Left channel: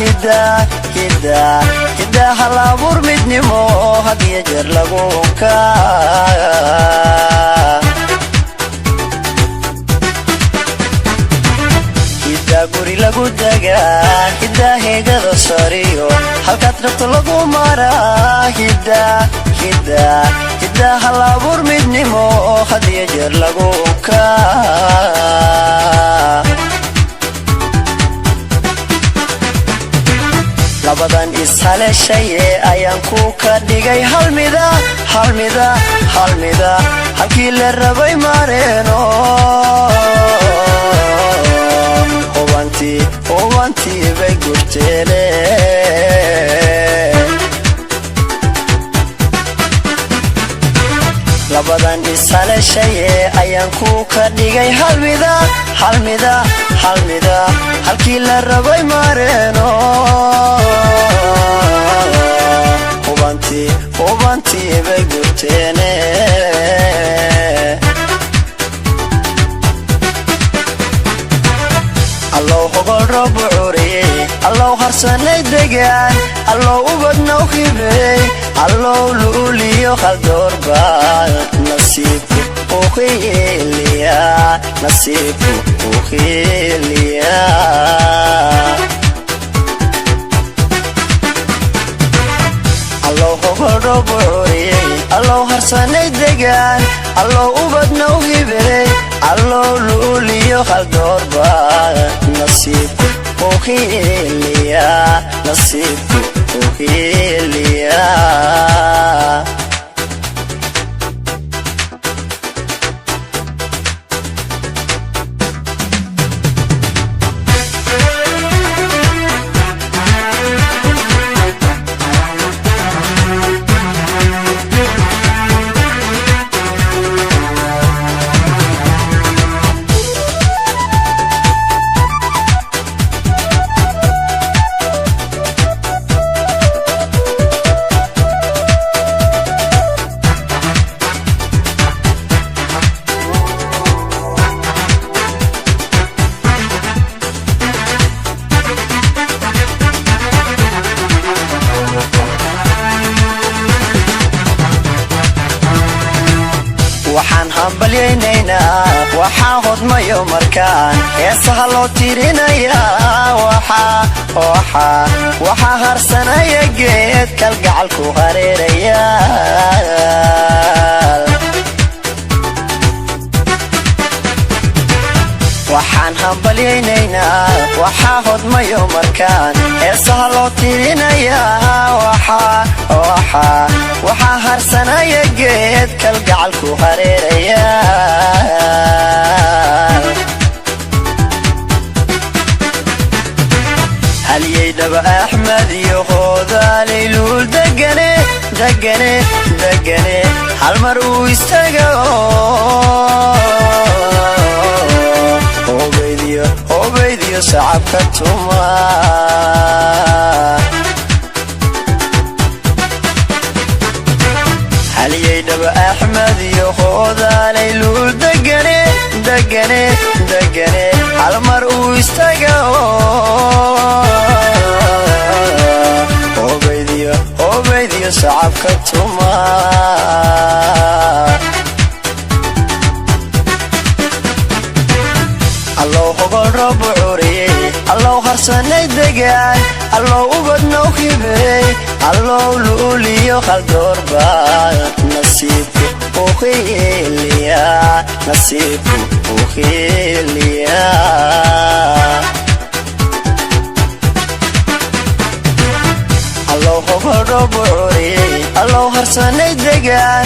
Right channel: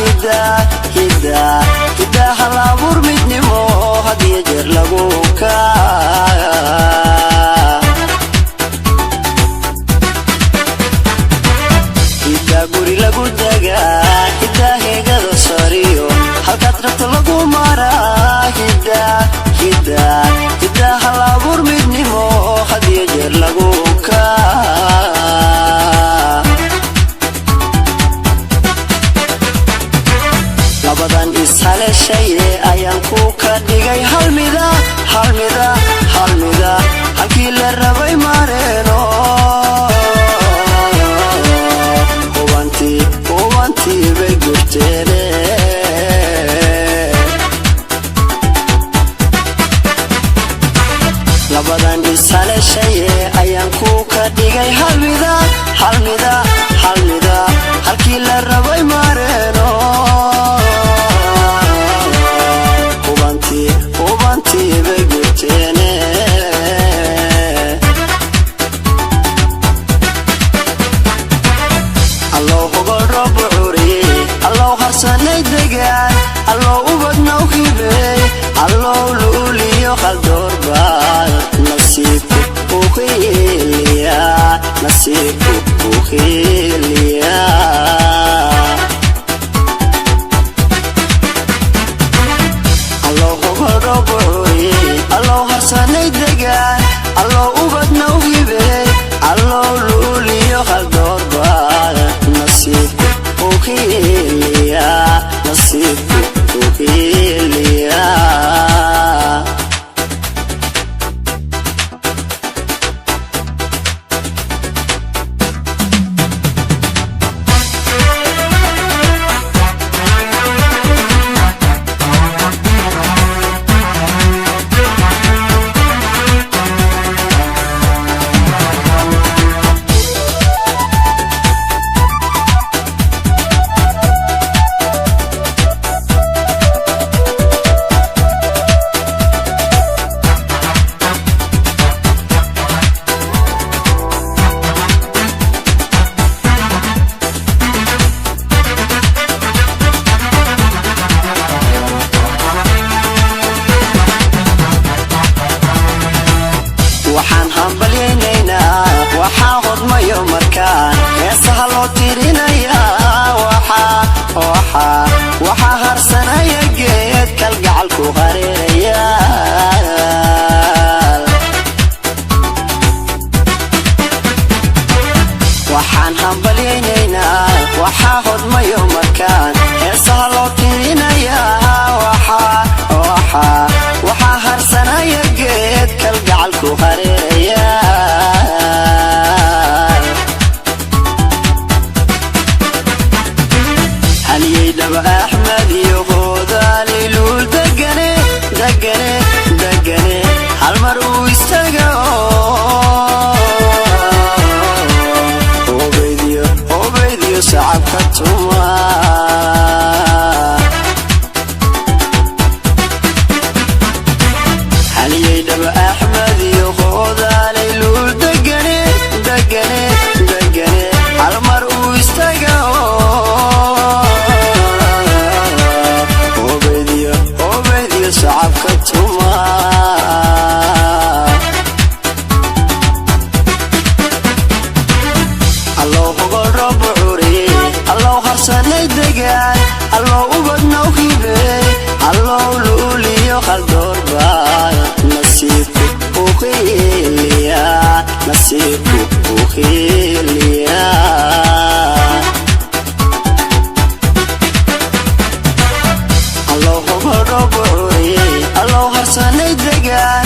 hidda halabuur midnimo hadiya jeer lagu hidda guri lagu dagaa hidda heegada sariyo halkaad rabto lagu maraa hidda halabuur midnimo hadiya jeer lagu ayaan ku ka dhigay halmida halkii la rabay mareeno owantii bay gurteene labadan ishaleshaye ayaan ku ka dhigay halmida halkii la rabay mareeno allow hogol roob cuuriye allow harsanay degaan allow ubadnoo fibre allow luuliyo qaldoorbaal nasiibku u khiiliya allow hogol roob cuuriye allow harsanay degaan allow ubadnoo fibre allow luuliyo qaldoorbaal nasiibku u khiiliya allow hogol roob cuuriye allow harsanay degaan allow ubadnoo fibre allow luuliyo qaldoorbaal nasiibku u khiiliya allow hogol roob cuuriye allow harsanay degaan